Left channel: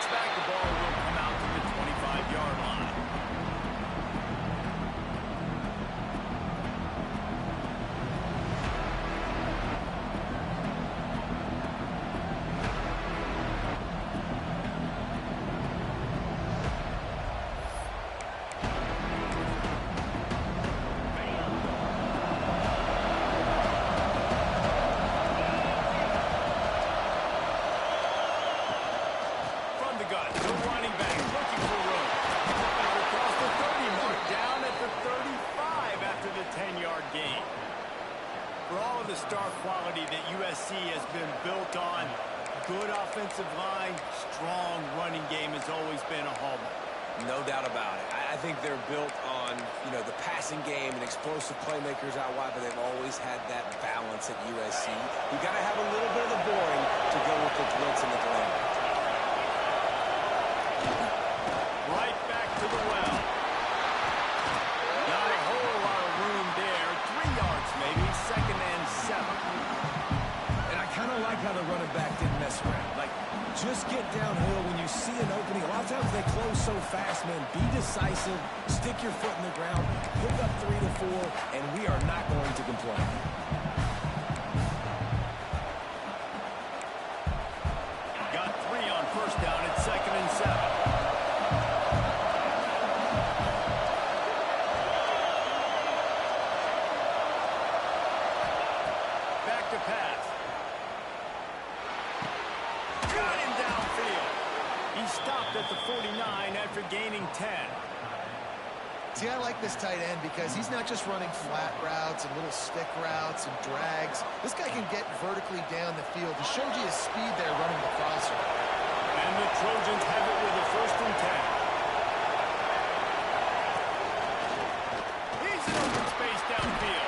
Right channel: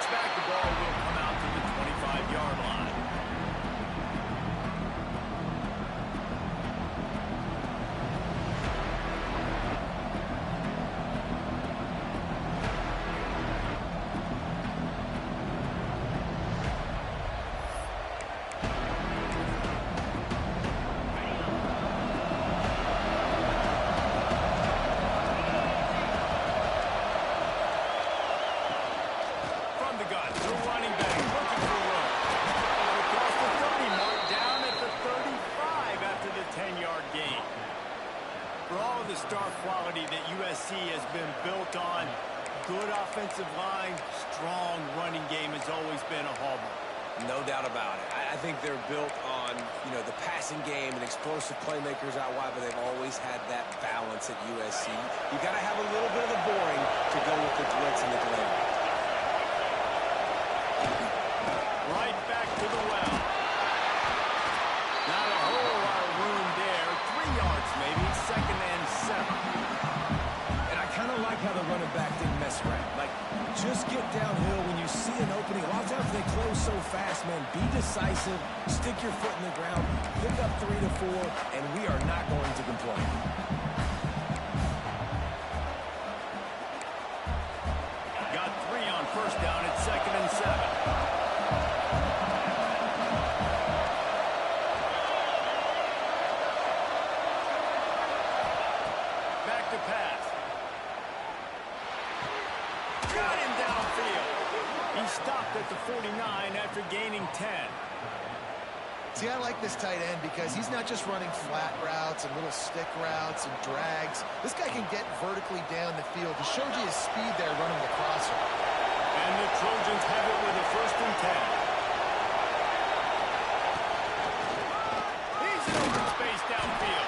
looks back, the ball will come out to the 25-yard line. The star quality that USC has been built on. Good offensive line, strong running game has always been a hallmark. No doubt about it. I think they're built on, the passing game and explosive playmakers out wide, but they've always had that balance at USC. You got to have a little bit of the boring to go with the glitz and the glamour. Right back to the well. Not a whole lot of room there. 3 yards maybe, 2nd and 7. And I kind of like how the running back didn't mess around. Like, just get downhill when you see an opening. A lot of times they close so fast, man. Be decisive, stick your foot in the ground, pick up 3 to 4, and we are not going to complain. Got 3 on 1st down at 2nd and 7. To pass. Got him downfield. He stopped at the 49 after gaining 10. See, I like this tight end because he's not just running flat routes and little stick routes and drags. This guy can get vertically down the field. He showed you his speed there running the crosser. And the Trojans have it with a 1st and 10. He's in open space downfield.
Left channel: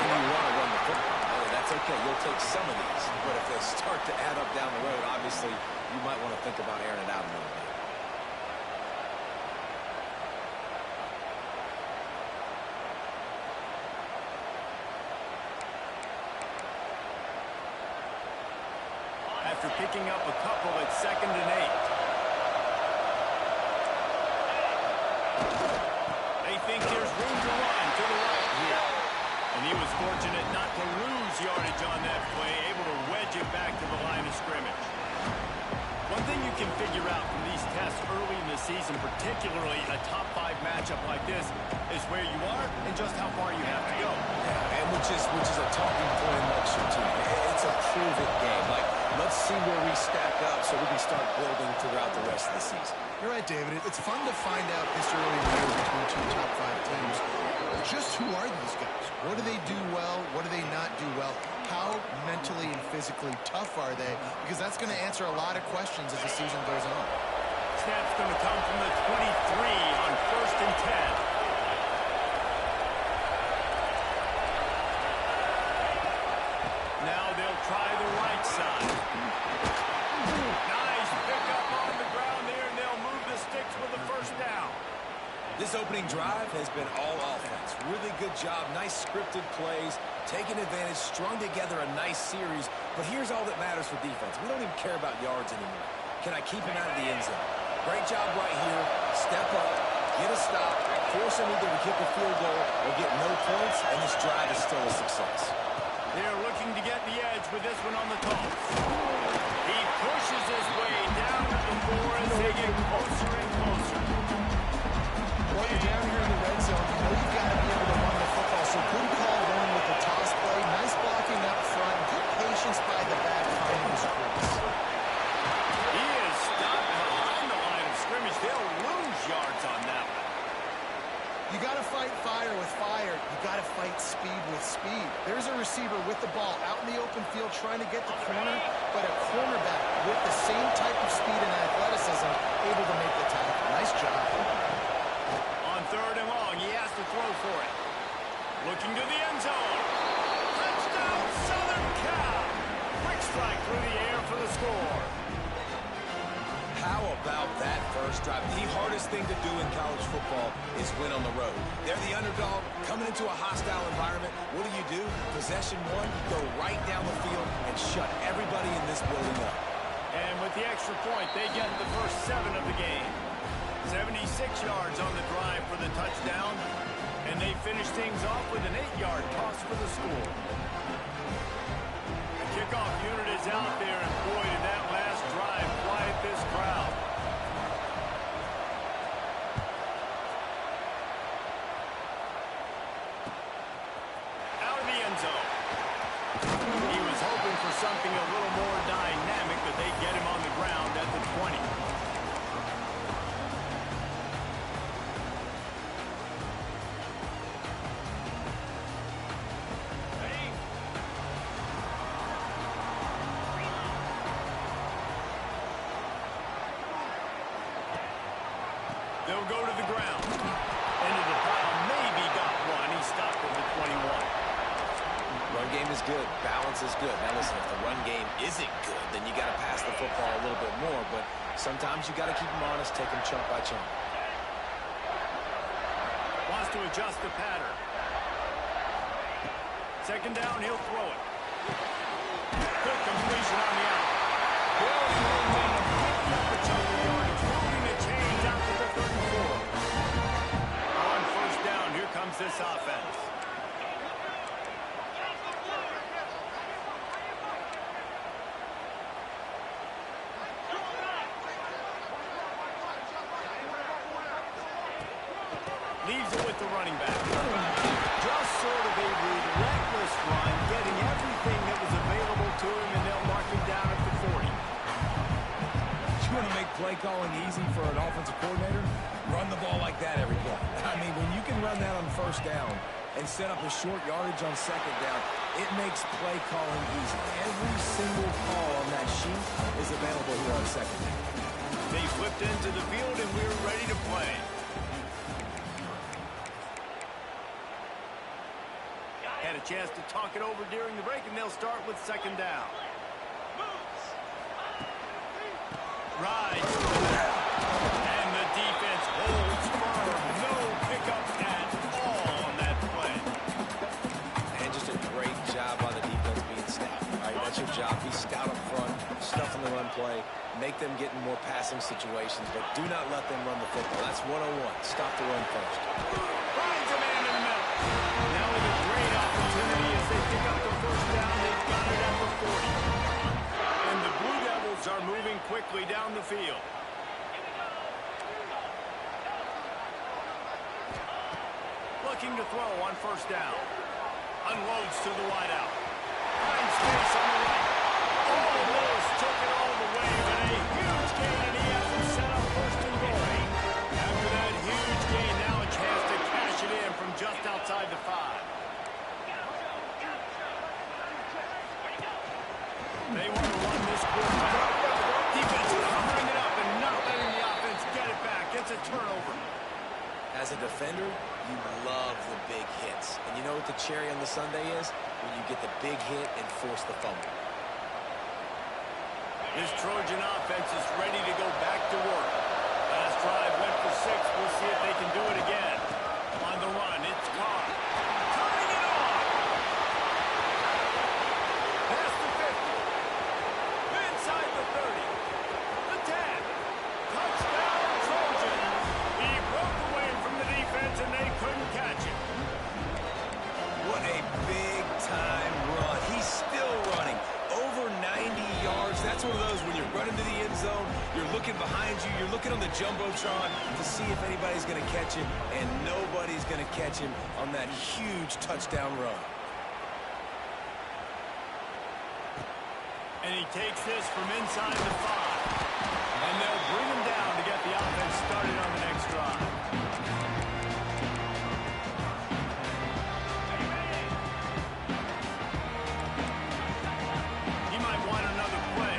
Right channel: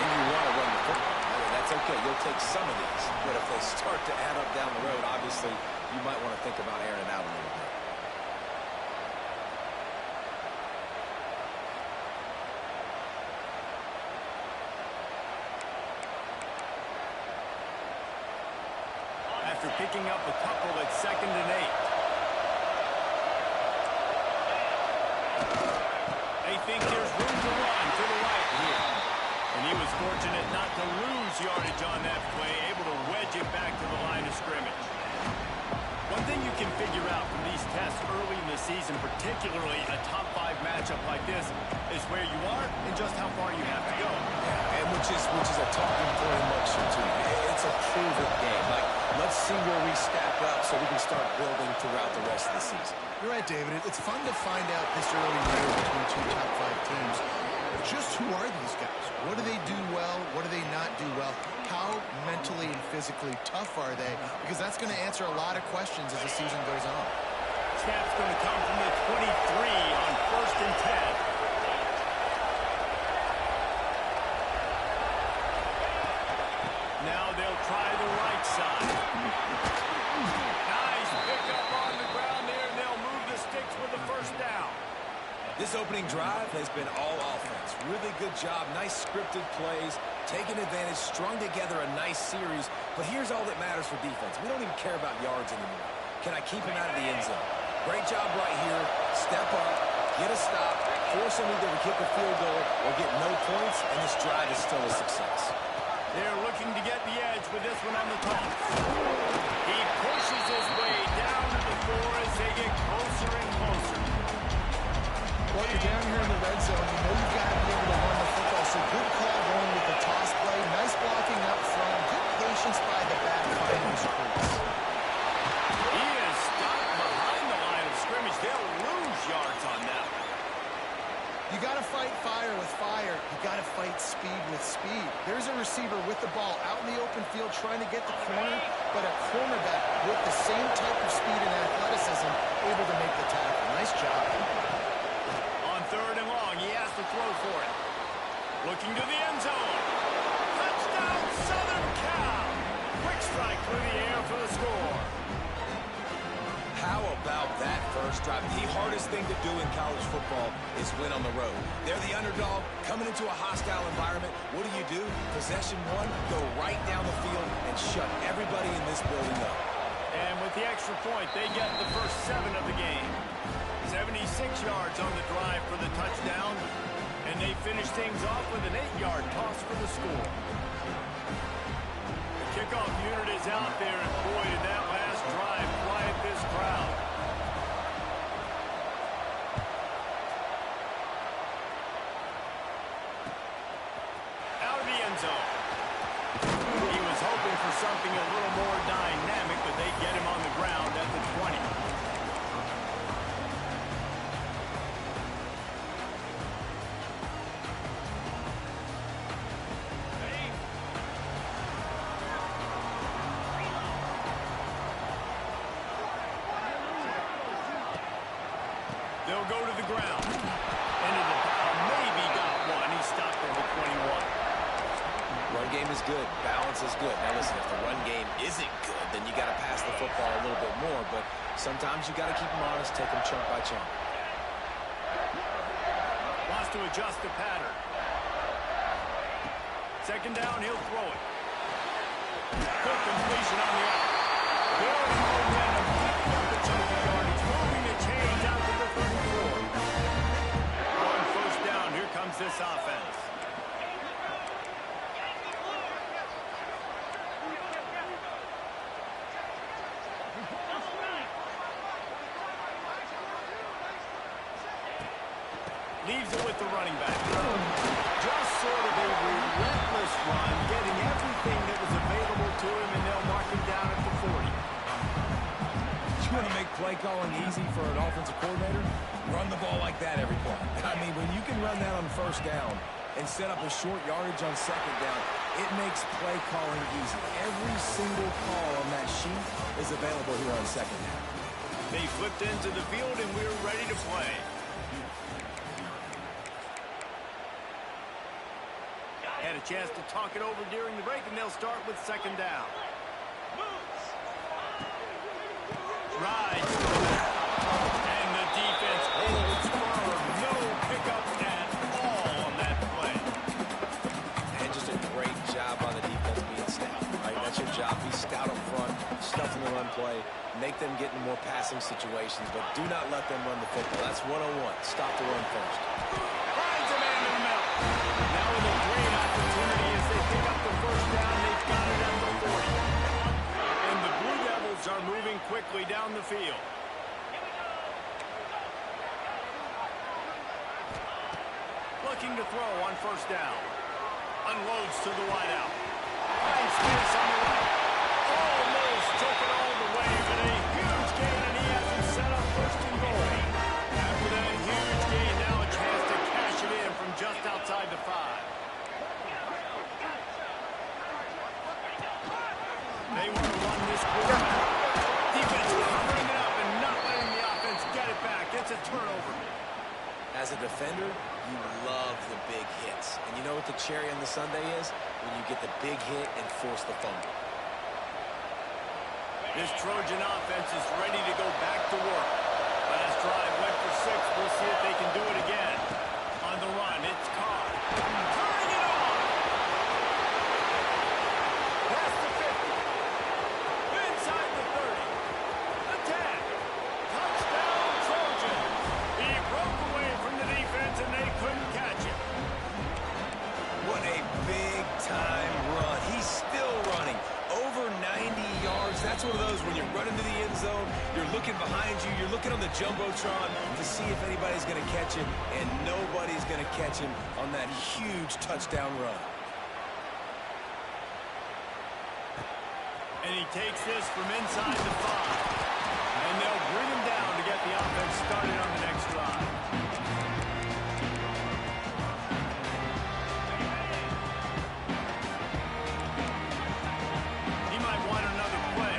And you want to run the football. That's okay. You'll take some of these. But if they start to add up down the road, obviously, you might want to think about airing it out a little bit. After picking up a couple at 2nd and 8. They think there's room to run to the right here. And he was fortunate not to lose yardage on that play, able to wedge it back to the line of scrimmage. One thing you can figure out from these tests early in the season, particularly a top 5 matchup like this, is where you are and just how far you have to go. Yeah, and which is a talking point amongst your team. It's a prove-it game. Like, let's see where we stack up so we can start building throughout the rest of the season. You're right, David. It's fun to find out this early in the year between 2 top 5 teams. Just who are these guys? What do they do well? What do they not do well? How mentally and physically tough are they? Because that's going to answer a lot of questions as the season goes on. Snap's going to come from the 23 on 1st and 10. Now they'll try the right side. Nice pickup on the ground there, and they'll move the sticks with the 1st down. This opening drive has been all offense. Really good job. Nice scripted plays. Taking advantage. Strung together a nice series. But here's all that matters for defense. We don't even care about yards anymore. Can I keep him out of the end zone? Great job right here. Step up. Get a stop. Force him either to kick a field goal or get no points. And this drive is still a success. They're looking to get the edge with this one on the toss. He pushes his way down to the 4 as they get closer and closer. Well, you're down here in the red zone. You know you've got to be able to run the football. So good call going with the toss play. Nice blocking up front. Good patience by the back finding his crease. He is stopped behind the line of scrimmage. They'll lose yards on that one. You got to fight fire with fire. You got to fight speed with speed. There's a receiver with the ball out in the open field trying to get the corner, but a cornerback with the same type of speed and athleticism able to make the tackle. Nice job. On 3rd and long, he has to throw for it. Looking to the end zone. Touchdown, Southern Cal. Quick strike through the air for the score. How about that first drive? The hardest thing to do in college football is win on the road. They're the underdog, coming into a hostile environment. What do? Possession 1, go right down the field and shut everybody in this building up. And with the extra point, they get the first 7 of the game. 76 yards on the drive for the touchdown. And they finish things off with an 8-yard toss for the score. The kickoff unit is out there, and boy, did that last drive quiet this crowd. Out of the end zone. He was hoping for something a little more dynamic, but they get him on the ground at the 20. They'll go to the ground. Into the pile, maybe got one. He stopped at the 21. Run game is good. Balance is good. Now listen, if the run game isn't good, then you got to pass the football a little bit more. But sometimes you got to keep them honest, take them chunk by chunk. Wants to adjust the pattern. Second down, he'll throw it. Quick completion on the out. Building momentum, picking up a chunk of yardage, moving the chains out to the 34. On first down, here comes this offense. Leaves it with the running back. Just sort of a relentless run, getting everything that was available to him, and they'll mark him down at the 40. You want to make play calling easy for an offensive coordinator? Run the ball like that every play. I mean, when you can run that on first down and set up a short yardage on second down, it makes play calling easy. Every single call on that sheet is available here on second down. They flipped into the field, and we're ready to play. Had a chance to talk it over during the break, and they'll start with second down. Rides to the left. And the defense holds firm. No pickup at all on that play. And just a great job on the defense being stout. Right? That's your job. Be stout up front, stuff in the run play, make them get in more passing situations, but do not let them run the football. That's 101. Stop the run first. Finds a man in the middle. Now with a great opportunity as they pick up the first down. They've got it at the 40. And the Blue Devils are moving quickly down the field. Looking to throw on first down. Unloads to the wideout. Finds space on the right. Almost took it all the way, but a huge gain, and he has him set up first and goal. After that huge gain, now a chance to cash it in from just outside the 5. They want to run this quarterback. Defense covering it up and not letting the offense get it back. It's a turnover. As a defender, you love the big hits. And you know what the cherry on the sundae is? When you get the big hit and force the fumble. This Trojan offense is ready to go back to work. Last drive went for 6. We'll see if they can do it again. On the run, it's Carr. Turning it on! Past the 50. Inside the 30. The 10. Touchdown, Trojans. He broke away from the defense, and they couldn't catch it. What a big-time run. He's still running. Over 90 yards. That's one of those when you're running to the end zone, you're looking behind you, you're looking on the Jumbotron to see if anybody's going to catch him, and nobody's going to catch him on that huge touchdown run. And he takes this from inside the 5. And they'll bring him down to get the offense started on the next drive. He might want another play.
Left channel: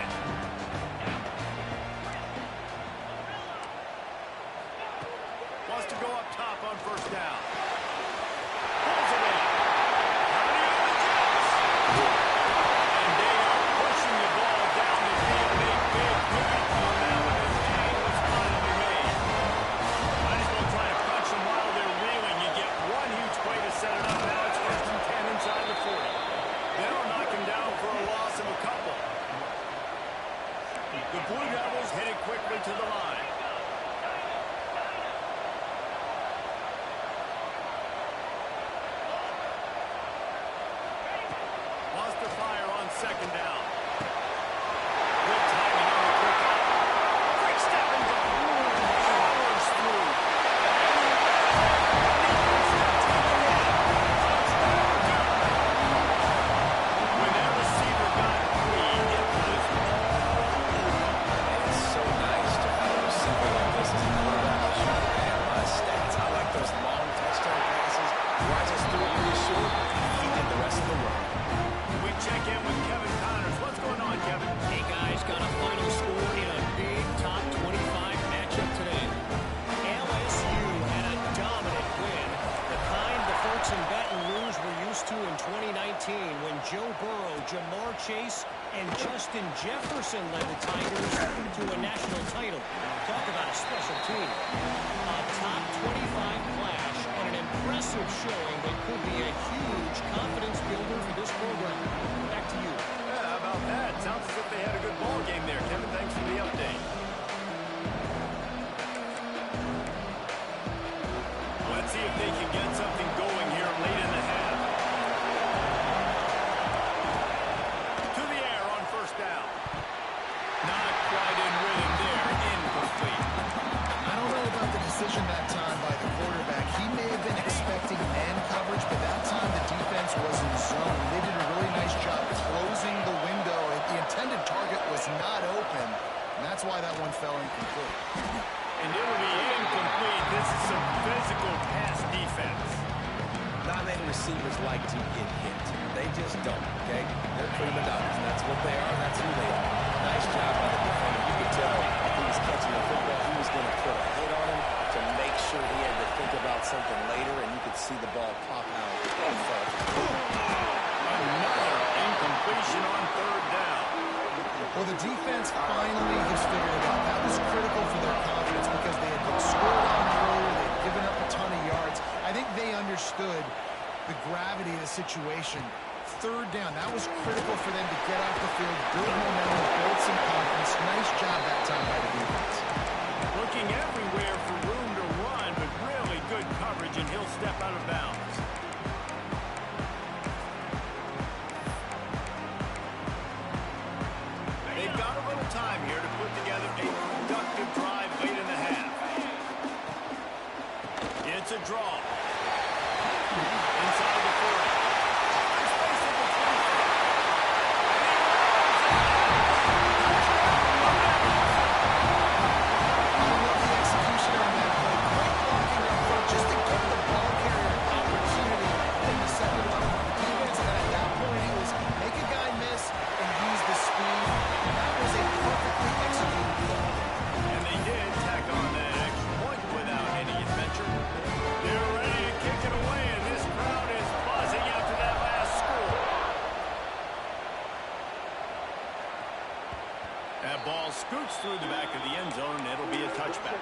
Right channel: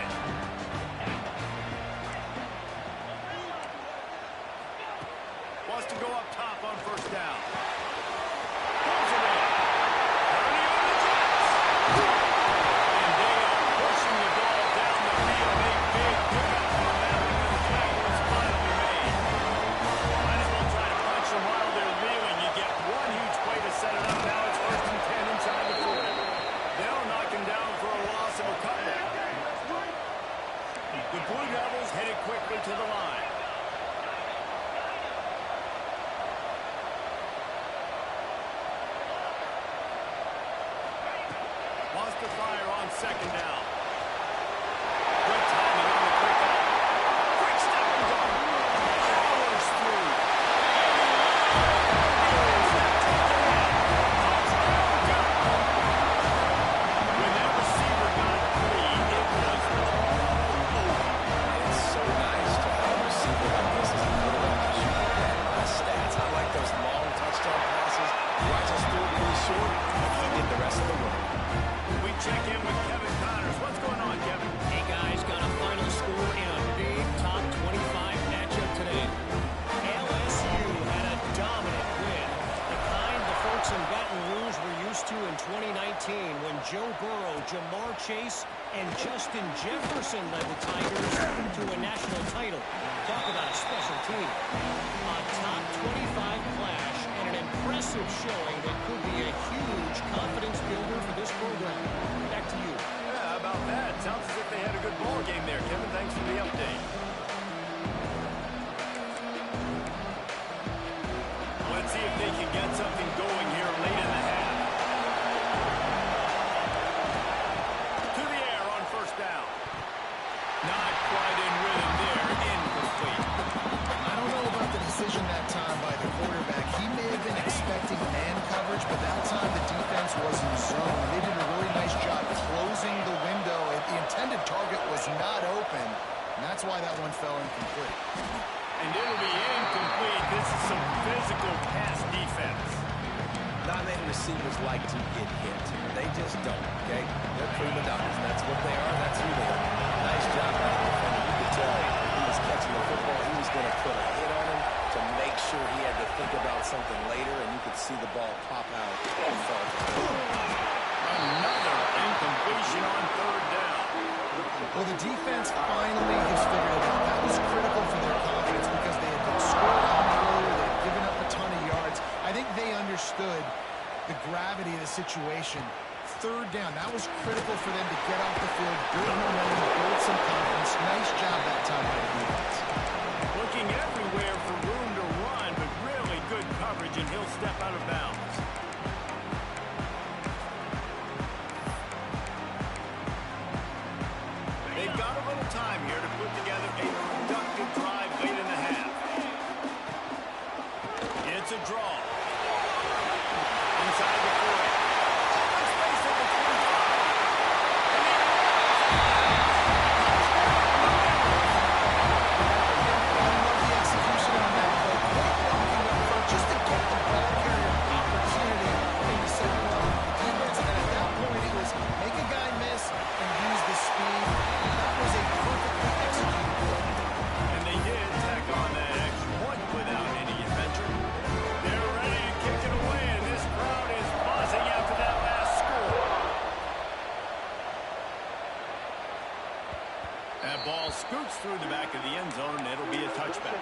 Wants to go up top on first down. Pulls it in. Counting on the Jets. And they are pushing the ball down the field. A big pickup on that one, and the tag was finally made. Might as well try to punch them while they're reeling. You get one huge play to set it up. Now it's first and 10 inside the 40. They'll knock him down for a loss of a couple. The Blue Devils headed quickly to the line. Wants to fire on second down. Good timing on the quick out. Quick step and go. Powers through. Defense not taking it. Touchdown, go. When that receiver got free, it was all over. It's so nice to have a receiver like this as a quarterback. As you can add my stats. I like those long touchdown passes. Where I just threw it really short, and he did the rest of the work. We check in with Kevin Connors. What's going on, Kevin? Hey, guys, got a final score in a big top 25 matchup today. LSU had a dominant win, the kind the folks in Baton Rouge were used to in 2019 when Joe Burrow, Jamar Chase, and Justin Jefferson led the Tigers to a national title. Talk about a special team. A top 25 clash and an impressive showing that could be a huge confidence builder for this program. Back to you. Yeah, how about that? Sounds as if they had a good ball game there, Kevin. Thanks for the update. Let's see if they can get something going here late in the half. To the air on first down. Not quite in rhythm there. Incomplete. I don't know about the decision that time by the quarterback. He may have been expecting man coverage, but that time the defense was in zone. They did a really nice job closing the window. The intended target was not open, and that's why that one fell incomplete. And it'll be incomplete. This is some physical pass defense. Not many receivers like to get hit. They just don't, okay? They're prima donnas. That's what they are. That's who they are. Nice job by the defender. You could tell he was catching the football. He was going to put a hit on him to make sure he had to think about something later, and you could see the ball pop out and fall. Another incompletion on third down. Well, the defense finally has figured it out. That was critical for their confidence because they had been scored on earlier. They had given up a ton of yards. I think they understood the gravity of the situation. Third down, that was critical for them to get off the field, build momentum, build some confidence. Nice job that time by the defense. Looking everywhere for room to run, but really good coverage, and he'll step out of bounds. They've got a little time here to put together a productive drive late in the half. It's a draw. Inside the 40. Open space at the 25. And he rolls it out. Touchdown, Blue Devils. I love the execution on that play. Great blocking up front just to get the ball carrier opportunity in the second level of the defense. And at that point, it was make a guy miss and use the speed. That was a perfectly executed play. And they did tack on that extra point without any adventure. They're ready to kick it away, and this crowd is buzzing after that last score. That ball scoots through the back of the end zone, and it'll be a touchback.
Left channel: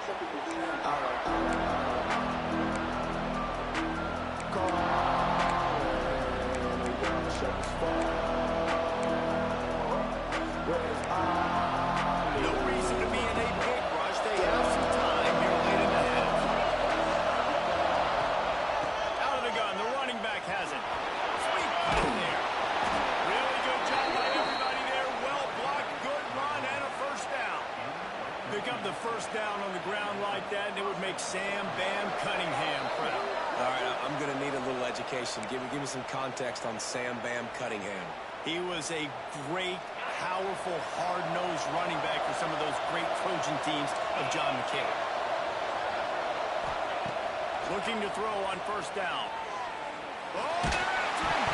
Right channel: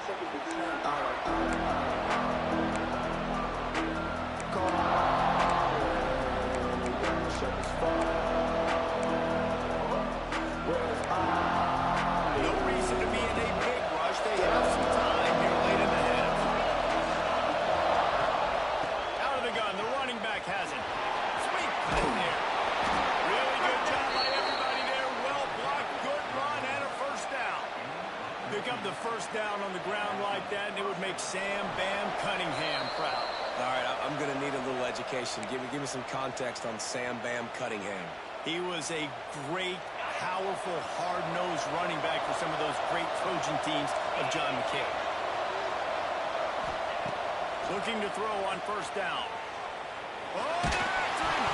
No reason to be in a big rush. They have some time here late in the half. Out of the gun, the running back has it. Sweet cut there. Really good job by everybody there. Well blocked, good run, and a first down. Pick up the first down on the ground like that, and it would make Sam Bam Cunningham proud. All right, I'm going to need a little education. Give me some context on Sam Bam Cunningham. He was a great, powerful, hard-nosed running back for some of those great Trojan teams of John McKay. Looking to throw on first down. Oh, they're after him!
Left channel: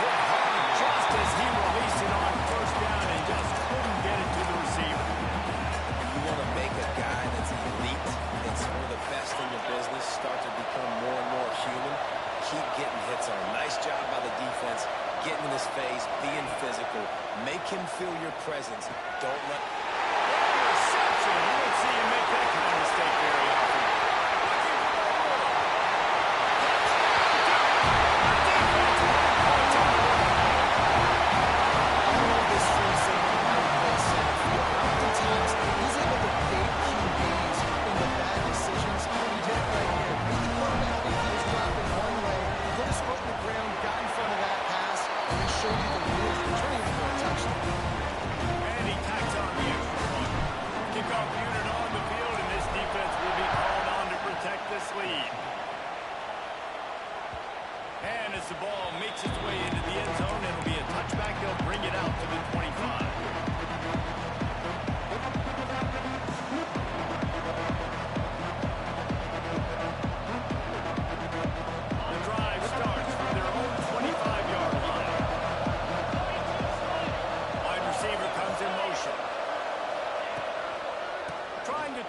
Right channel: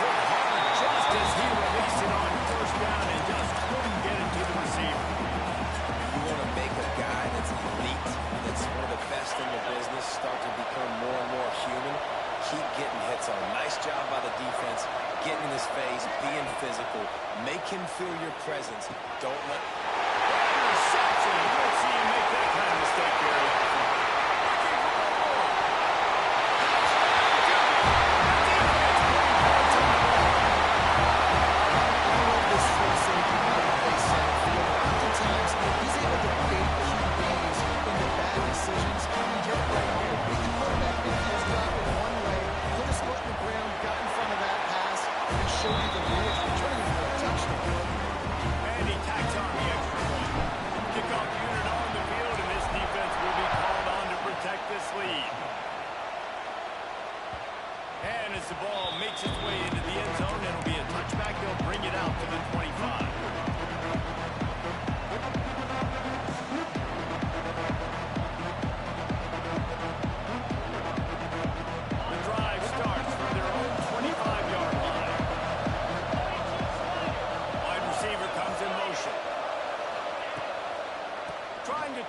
Hit hard just as he released it on first down and just couldn't get it to the receiver. You want to make a guy that's elite, that's one of the best in the business, start to become more and more human, keep getting hits on him. Nice job by the defense, getting in his face, being physical. Make him feel your presence. Don't let... Interception! You don't see him make that kind of mistake very often. Looking for more. Touchdown, Duke! The defense putting points on the board. I love this free safety how he plays center field.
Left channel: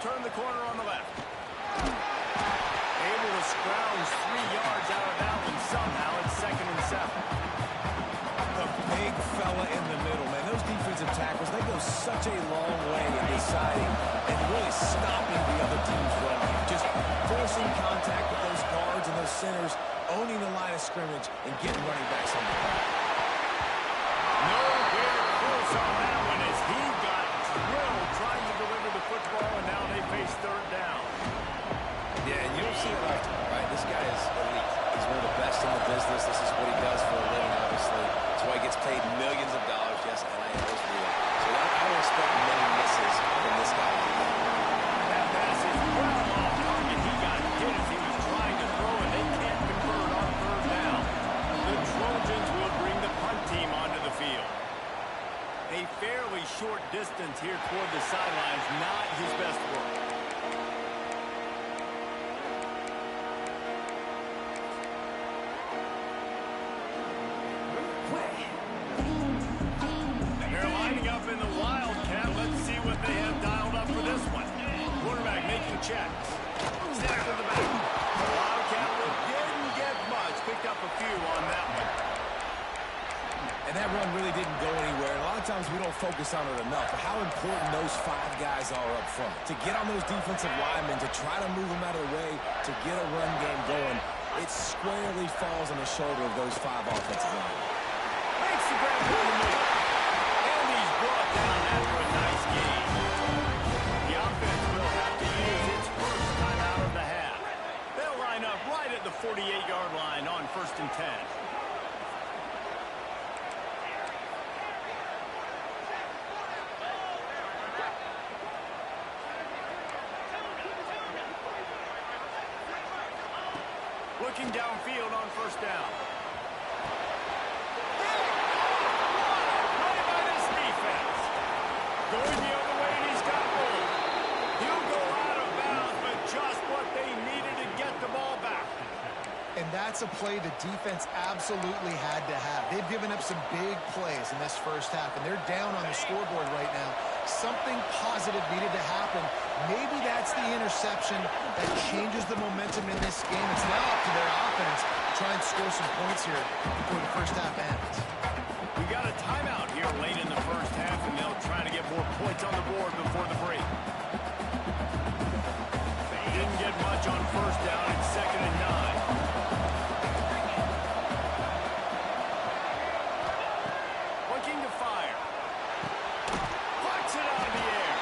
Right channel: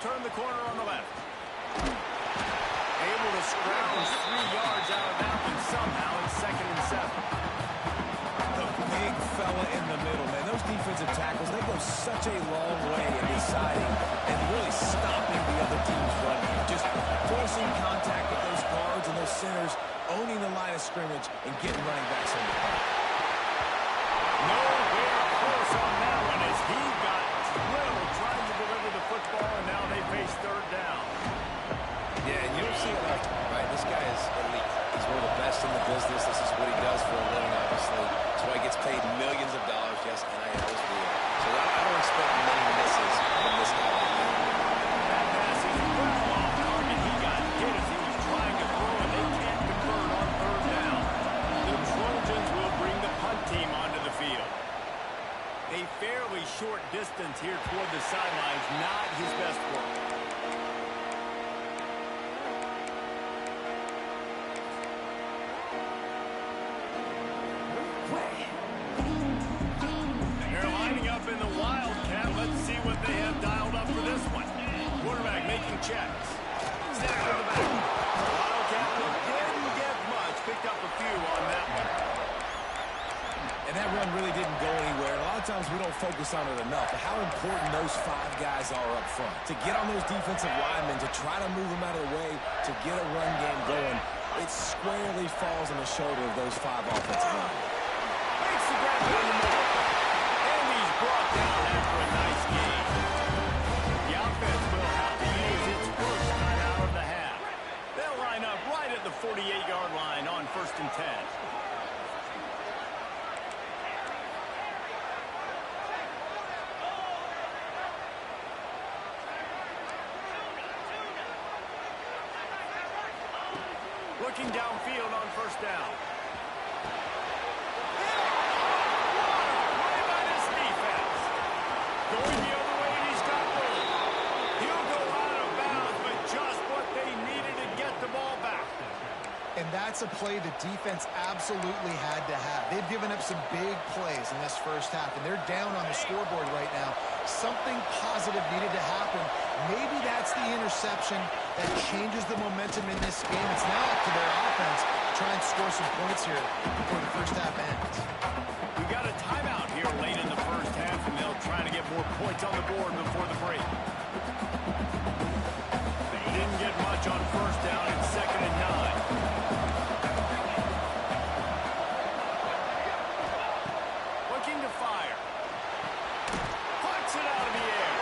turn the corner on the left. Able to scrounge 3 yards out of that one somehow. It's 2nd and 7. The big fella in the middle, man. Those defensive tackles, they go such a long way in deciding and really stopping the other team's run game. Just forcing contact with those guards and those centers, owning the line of scrimmage, and getting running backs on the ground. Nowhere close on that one as he got drilled trying to deliver the football, and now they face 3rd down. Yeah, and you don't see it often, right? This guy is elite. He's one of the best in the business. This is what he does for a living, obviously. That's why he gets paid millions of dollars. Yes, NIL is real. So I don't expect many misses from this guy like that. That pass is well off target. He got hit as he was trying to throw, and they can't convert on 3rd down. The Trojans will bring the punt team onto the field. A fairly short distance here toward the sidelines, not his best work. They're lining up in the Wildcat. Let's see what they have dialed up for this one. Quarterback making checks. Snap to the back. Wildcat didn't get much. Picked up a few on that one. And that run really didn't go anywhere. And a lot of times we don't focus on it enough. But how important those 5 guys are up front. To get on those defensive linemen, to try to move them out of the way, to get a run game going, it squarely falls on the shoulder of those 5 offensive linemen. Makes the grab down the middle. And he's brought down after a nice gain. The offense will have to use its first time out of the half. They'll line up right at the 48-yard line on 1st and 10. Looking downfield on 1st down. What a play by this defense. Going the other way, and he's got room. He'll go out of bounds, but just what they needed to get the ball back. And that's a play the defense absolutely had to have. They've given up some big plays in this first half, and they're down on the scoreboard right now. Something positive needed to happen. Maybe that's the interception that changes the momentum in this game. It's now up to their offense to try and score some points here before the first half ends. We've got a timeout here late in the first half, and they'll try to get more points on the board before the break. They didn't get much on 1st down. It's 2nd and 9. Looking to fire. Puts it out of the air.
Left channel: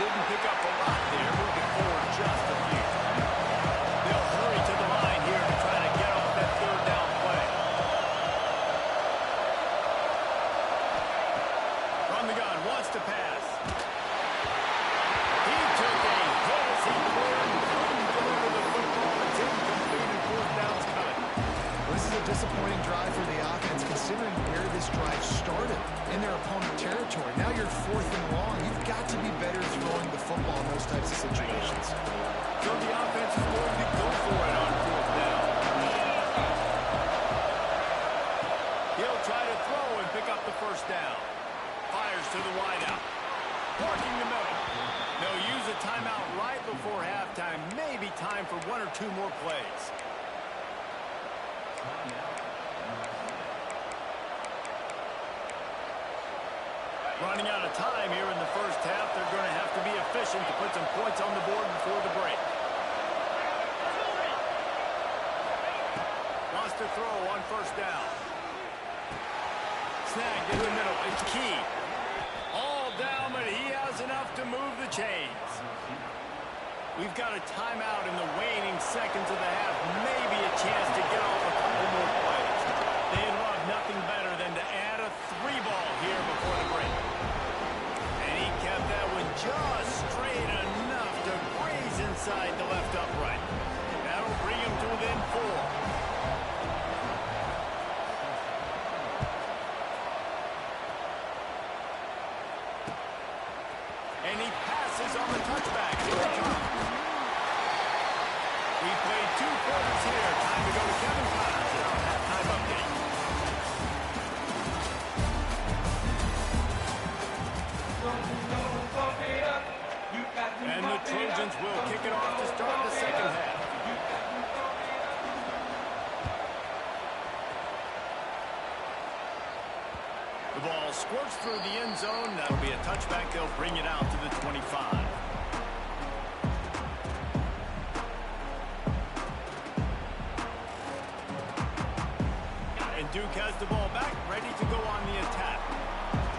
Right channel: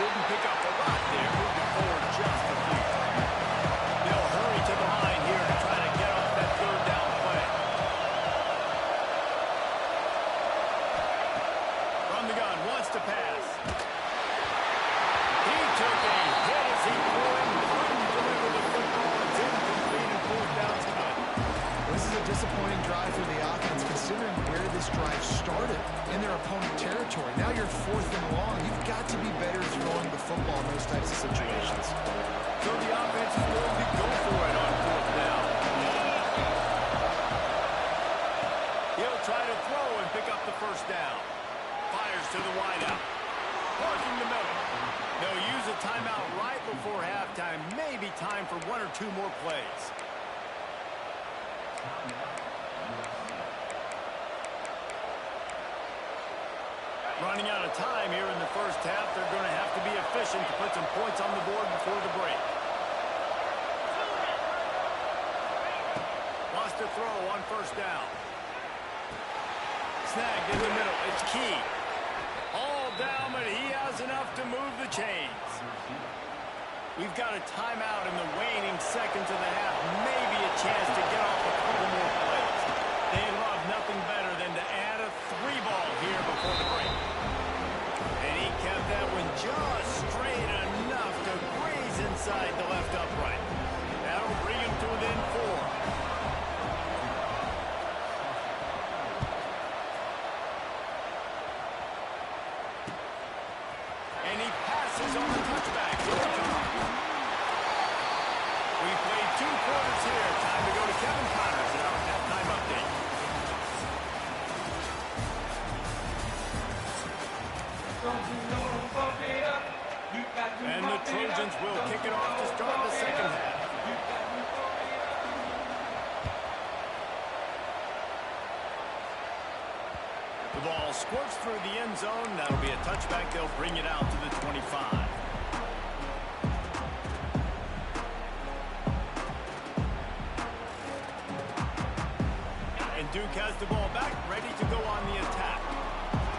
Didn't pick up a lot there. Moving forward just a few. They'll hurry to the line here to try to get off that 3rd down play. From the gun, wants to pass. He took a hit as he threw it. Couldn't deliver the football. It's incomplete and 4th down's coming. This is a disappointing drive for the offense, considering where this drive started in their opponent territory. Now you're 4th and long. You've got to be better throwing the football in those types of situations. So the offense is going to go for it on 4th down. He'll try to throw and pick up the 1st down. Fires to the wideout. Working the middle. They'll use a timeout right before halftime. Maybe time for 1 or 2 more plays. Running out of time here in the first half. They're going to have to be efficient to put some points on the board before the break. Wants to throw on 1st down. Snagged in the middle. It's key. All down, but he has enough to move the chains. We've got a timeout in the waning seconds of the half. Maybe a chance to get off a couple more plays. They'd love nothing better than to add a 3-ball here before the break. And he kept that one just straight enough to graze inside the left upright. That'll bring him to within 4. And he passes on the touchback. Here it comes. We played 2 quarters here. Time to go to Kevin Connors at our halftime update. Don't you know, pump it up. You got And the Trojans will kick it off to start the second half. The ball squirts through the end zone. That'll be a touchback. They'll bring it out to the 25. And Duke has the ball back, ready to go on the attack.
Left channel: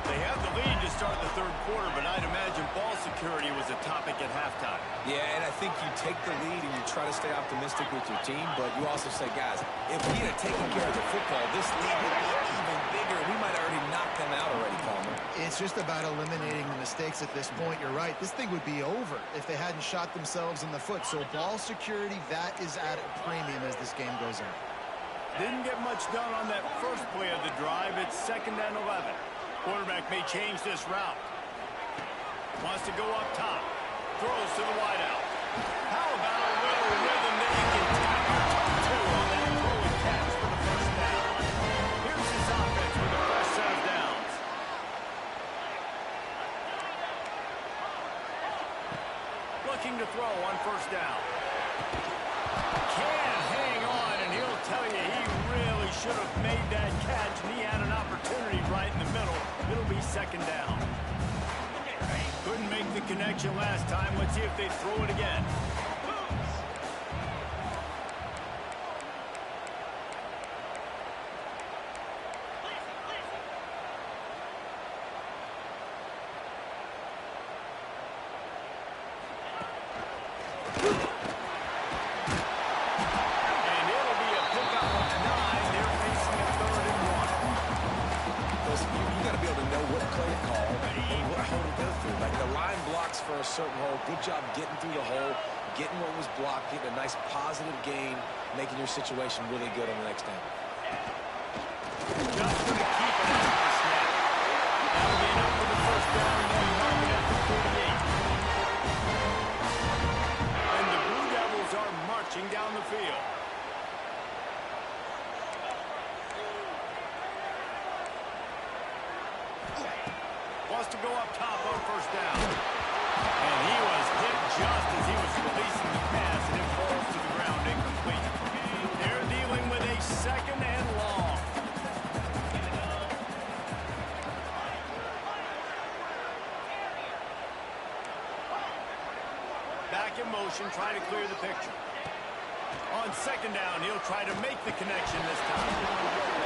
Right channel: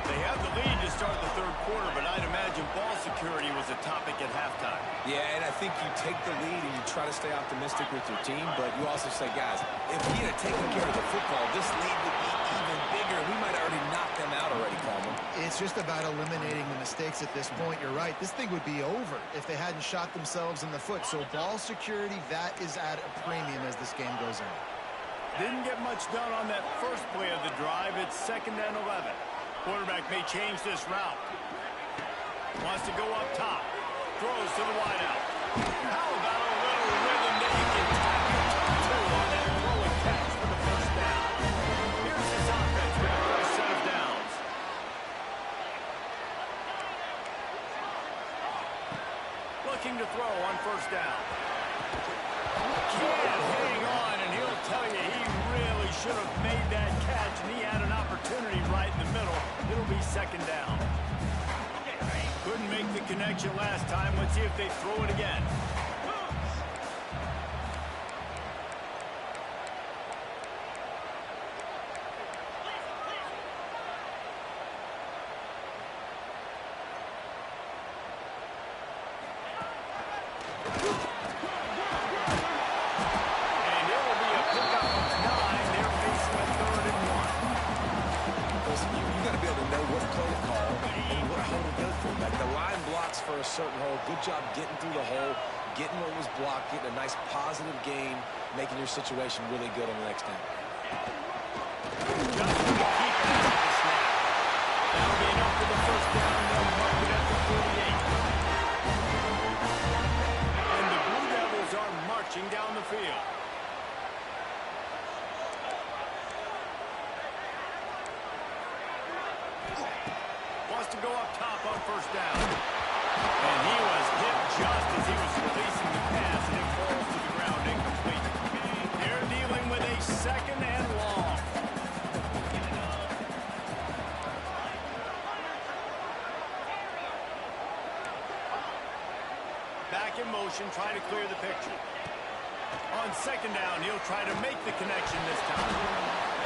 They have the lead to start the third quarter, but I'd imagine ball security was a topic at halftime. Yeah, and I think you take the lead and you try to stay optimistic with your team, but you also say, guys, if we had taken care of the football, this lead would be even bigger. We might have already knocked them out already, Palmer. It's just about eliminating the mistakes at this point. You're right. This thing would be over if they hadn't shot themselves in the foot. So ball security, that is at a premium as this game goes on. Didn't get much done on that first play of the drive. It's 2nd and 11. Quarterback may change this route. Wants to go up top. Throws to the wideout. How about a little rhythm that you can tap your toe to on that throw and catch for the first down? Here's his offense with a fresh set of downs. Looking to throw on first down. Can't hang on, and he'll tell you he really should have made that catch, and he had an opportunity right in the middle. It'll be 2nd down. Couldn't make the connection last time. Let's see if they throw it again. For a certain hole. Good job getting through the hole, getting what was blocked, getting a nice positive gain, making your situation really good on the next down. Just going to keep it after the snap. That'll be enough for the first down, and they'll mark it at the 48. And the Blue Devils are marching down the field. Wants to go up top on first down. And he was hit just as he was releasing the pass, and it falls to the ground incomplete. They're dealing with a 2nd and long. Back in motion, trying to clear the picture. On 2nd down, he'll try to make the connection this time.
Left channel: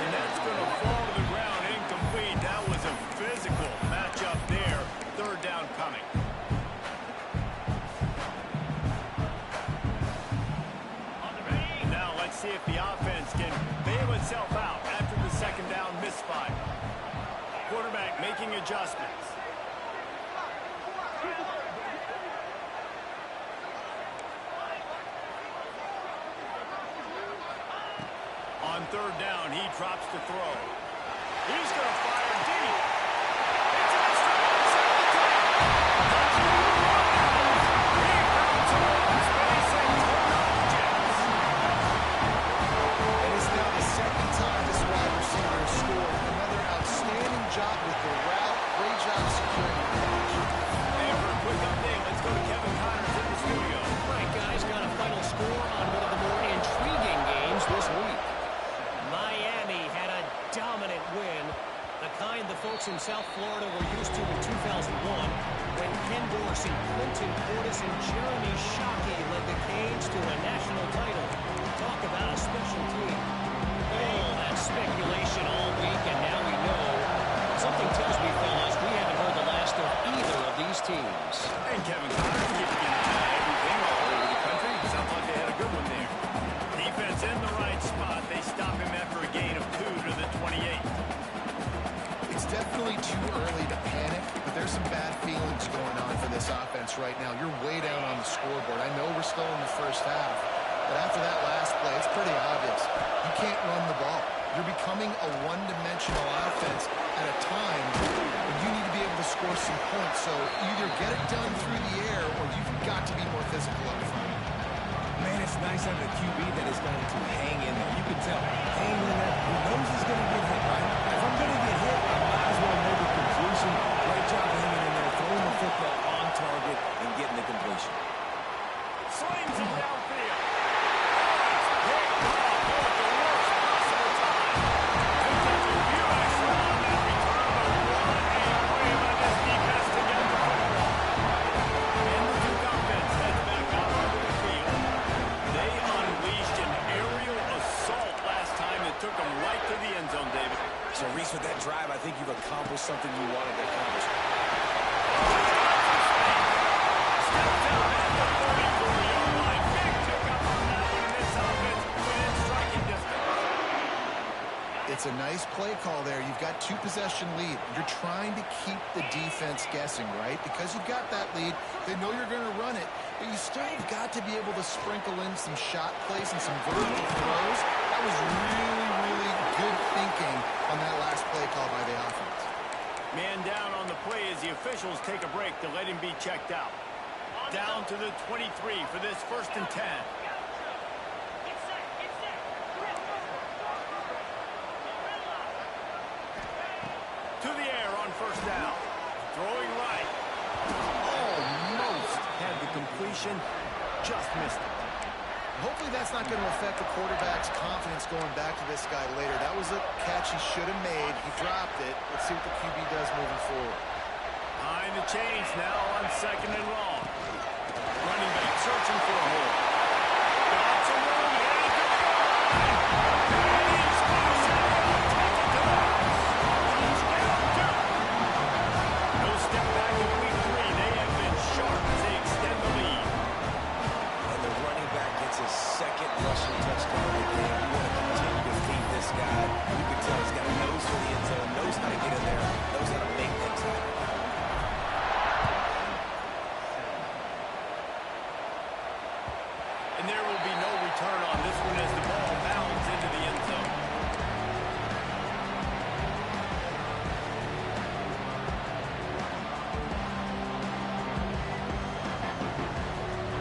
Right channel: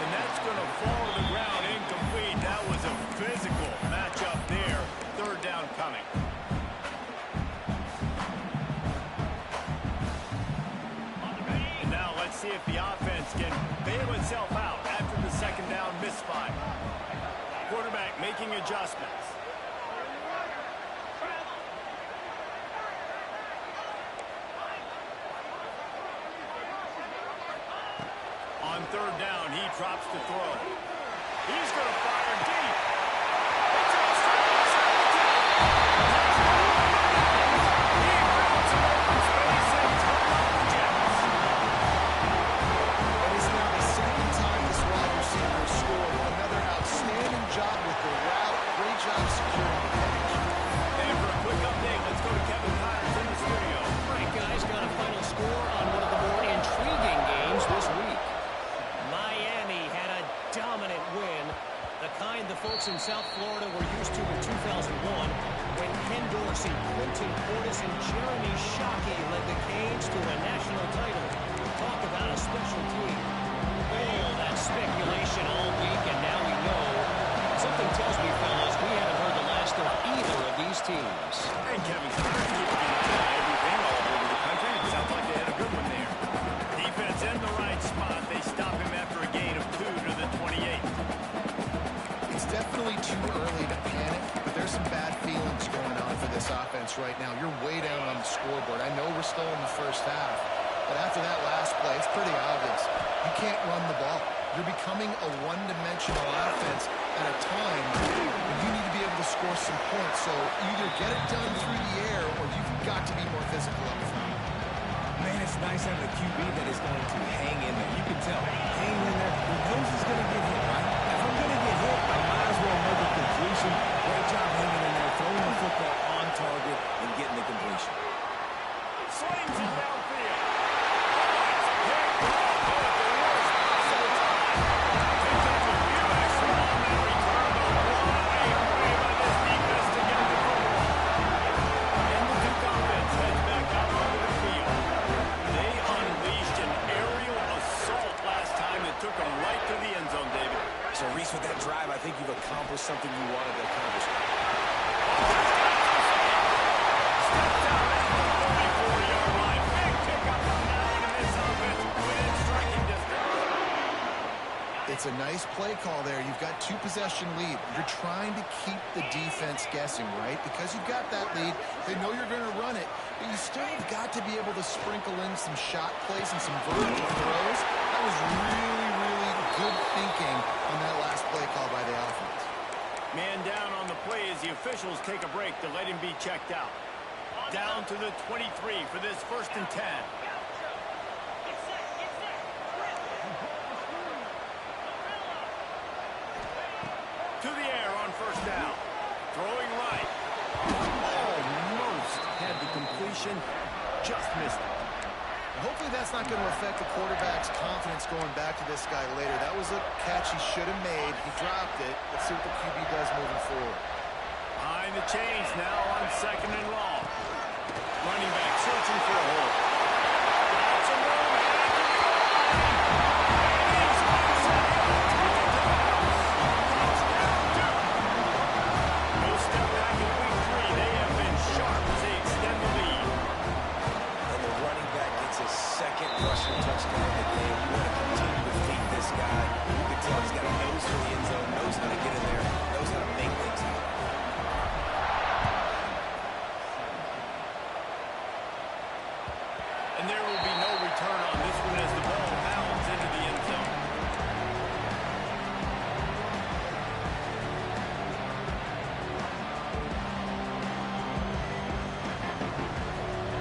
And that's going to fall to the ground incomplete. That was a physical matchup there. 3rd down coming. Let's see if the offense can bail itself out after the 2nd down misfire. Quarterback making adjustments. On 3rd down, he drops to throw. He's going to fire deep. It's a straight inside the 10. Touchdown. He found some open space and turned off the Jets. And it's now the 2nd time this wide receiver has scored. Another outstanding job with the route. Great job securing the catch. And for a quick update, let's go to Kevin Connors in the studio. All right, guys, got a final score on one of the more intriguing games this week. Miami had a dominant win, the kind the folks in South Florida were used to in 2001 when Ken Dorsey, Clinton Portis, and Jeremy Shockey led the Canes to a national title. Talk about a special team. Oh, that speculation all week, and now we know. Something tells me, fellas, we haven't heard the last of either of these teams. And Kevin Connors keeping an eye on everything all over the country. It sounds like they had a good one there. Defense in the right spot. They stop him after a gain of 2 to the 28. It's definitely too early to panic, but there's some bad feelings going on for this offense right now. You're way down on the scoreboard. I know we're still in the first half, but after that last play, it's pretty obvious. You can't run the ball. You're becoming a one-dimensional offense at a time when you need to be able to score some points. So either get it done through the air or you've got to be more physical up front. Man, it's nice having a QB that is going to hang in there. You can tell, hang in there. He knows he's going to get hit, right? If I'm going to get hit, I might as well make a completion. Great job hanging in there, throwing the football on target and getting the completion. Slings it downfield. Oh, it's picked off. Oh, at the worst possible time. Picked up a few extra on that return, but what a play by this defense to get the football. And the Duke offense heads back out onto the field. They unleashed an aerial assault last time that took them right to the end zone, David. So, Reese, with that drive, I think you've accomplished something you wanted to accomplish. Oh, he's got some space. Stepped out at the 34-yard line. Big pickup on that one, and this offense within striking distance. It's a nice play call there. You've got 2-possession lead. You're trying to keep the defense guessing, right? Because you've got that lead. They know you're going to run it, but you still have got to be able to sprinkle in some shot plays and some vertical throws. That was really, really good thinking on that last play call by the offense. Man down on the play as the officials take a break to let him be checked out. Down to the 23 for this 1st and 10. To the air on 1st down. Throwing right. Almost had the completion. Just missed it. Hopefully that's not going to affect the quarterback's confidence going back to this guy later. That was a catch he should have made. He dropped it. Let's see what the QB does moving forward. Behind the chains now on 2nd and long. Running back searching for a hole. Got some room, headed to the goal line. And he's loose and he'll take it to the house. Touchdown Duke. No step back in week 3. They have been sharp as they extend the lead. And the running back gets his 2nd rushing touchdown of the game. You want to continue to feed this guy. You can tell he's got a nose for the end zone, knows how to get in there, knows how to make things happen. And there will be no return on this one as the ball bounds into the end zone.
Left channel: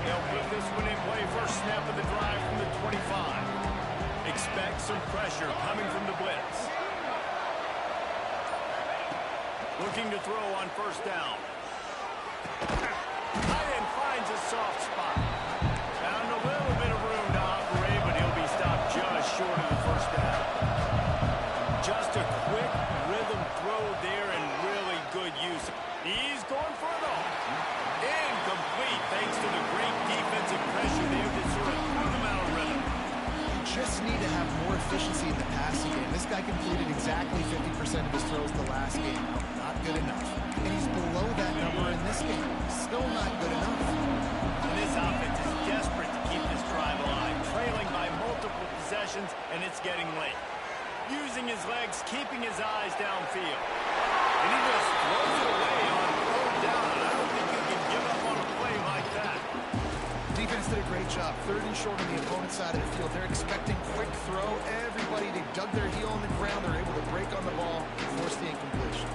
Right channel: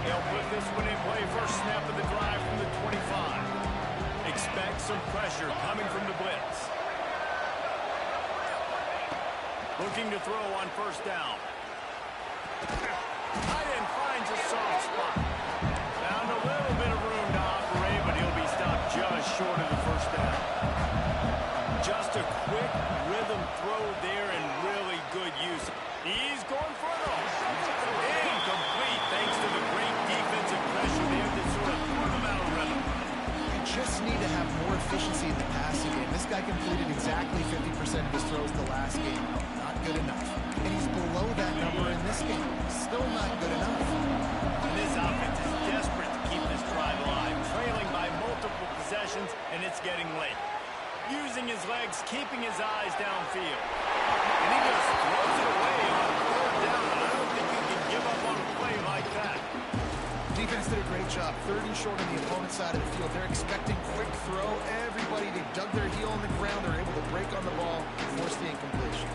They'll put this one in play. First snap of the drive from the 25. Expect some pressure coming from the blitz. Looking to throw on 1st down. Tight end finds a soft spot. Found a little bit of room to operate, but he'll be stopped just short of the 1st down. Just a quick rhythm throw there and really good use. He's going for it all. Incomplete thanks to the great defensive pressure there that sort of threw them out of rhythm. You just need to have more efficiency in the passing game. This guy completed exactly 50% of his throws the last game out. Not good enough. And he's below that number in this game. Still not good enough. And this offense is desperate to keep this drive alive, trailing by multiple possessions, and it's getting late. Using his legs, keeping his eyes downfield. And he just throws it away on 3rd down, and I don't think you can give up on a play like that. Defense did a great job. 3rd and short on the opponent's side of the field. They're expecting quick throw. Everybody, they dug their heel on the ground. They're able to break on the ball, force the incompletion.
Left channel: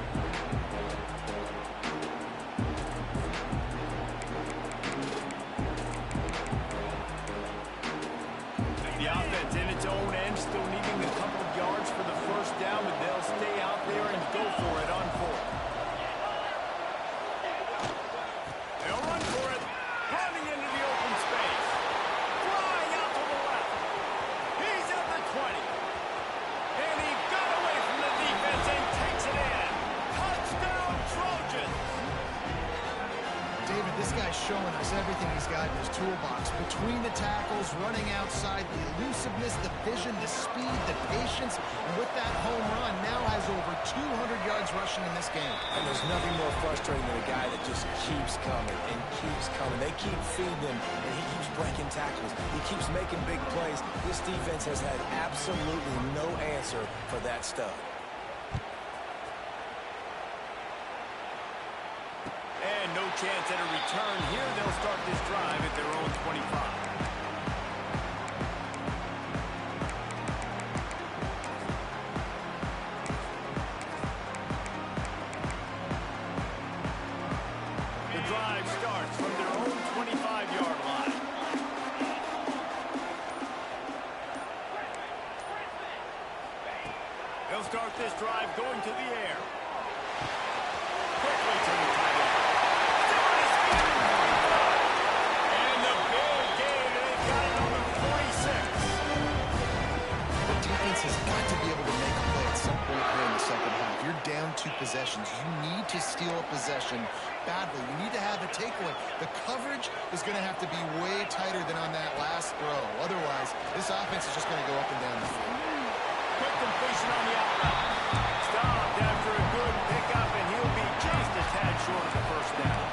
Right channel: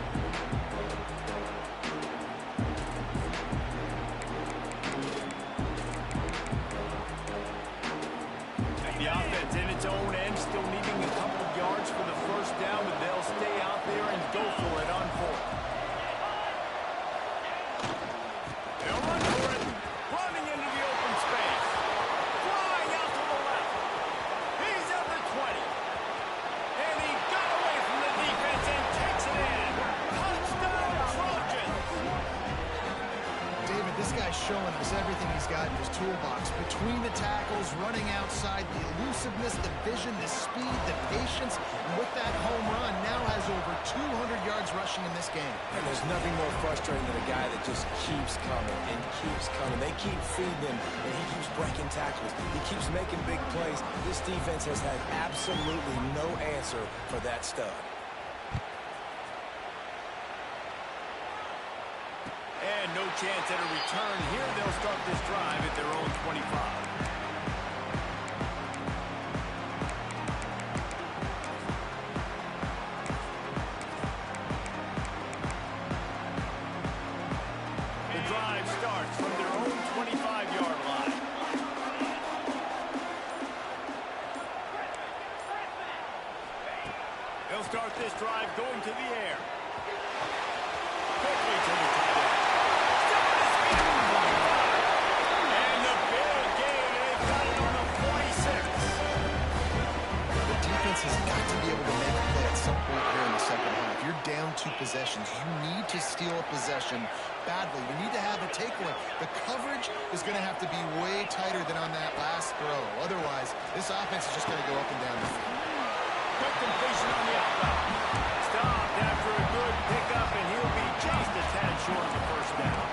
The offense in its own end, still needing a couple of yards for the 1st down, but they'll stay out there and go for it on 4th. They'll run for it, running into the open space. Flying out to the left. He's at the 20. And he got away from the defense and takes it in. Touchdown, Trojans! David, this guy's showing us everything he's got in his toolbox. Between the tackles, running outside, the elusiveness, the vision, the speed, the patience. And with that home run, now has over 200 yards rushing in this game. And there's nothing more frustrating than a guy that just keeps coming and keeps coming. They keep feeding him, and he keeps breaking tackles. He keeps making big plays. This defense has had absolutely no answer for that stud. And no chance at a return here. They'll start this drive at their own 25. The drive starts from their own 25-yard line. They'll start this drive going to the air. Quickly to the tight end. Still on his feet. down 2 possessions. You need to steal a possession badly. You need to have a takeaway. The coverage is going to have to be way tighter than on that last throw. Otherwise, this offense is just going to go up and down the field. Quick completion on the out route. Stopped after a good pickup, and he'll be just a tad short of the first down.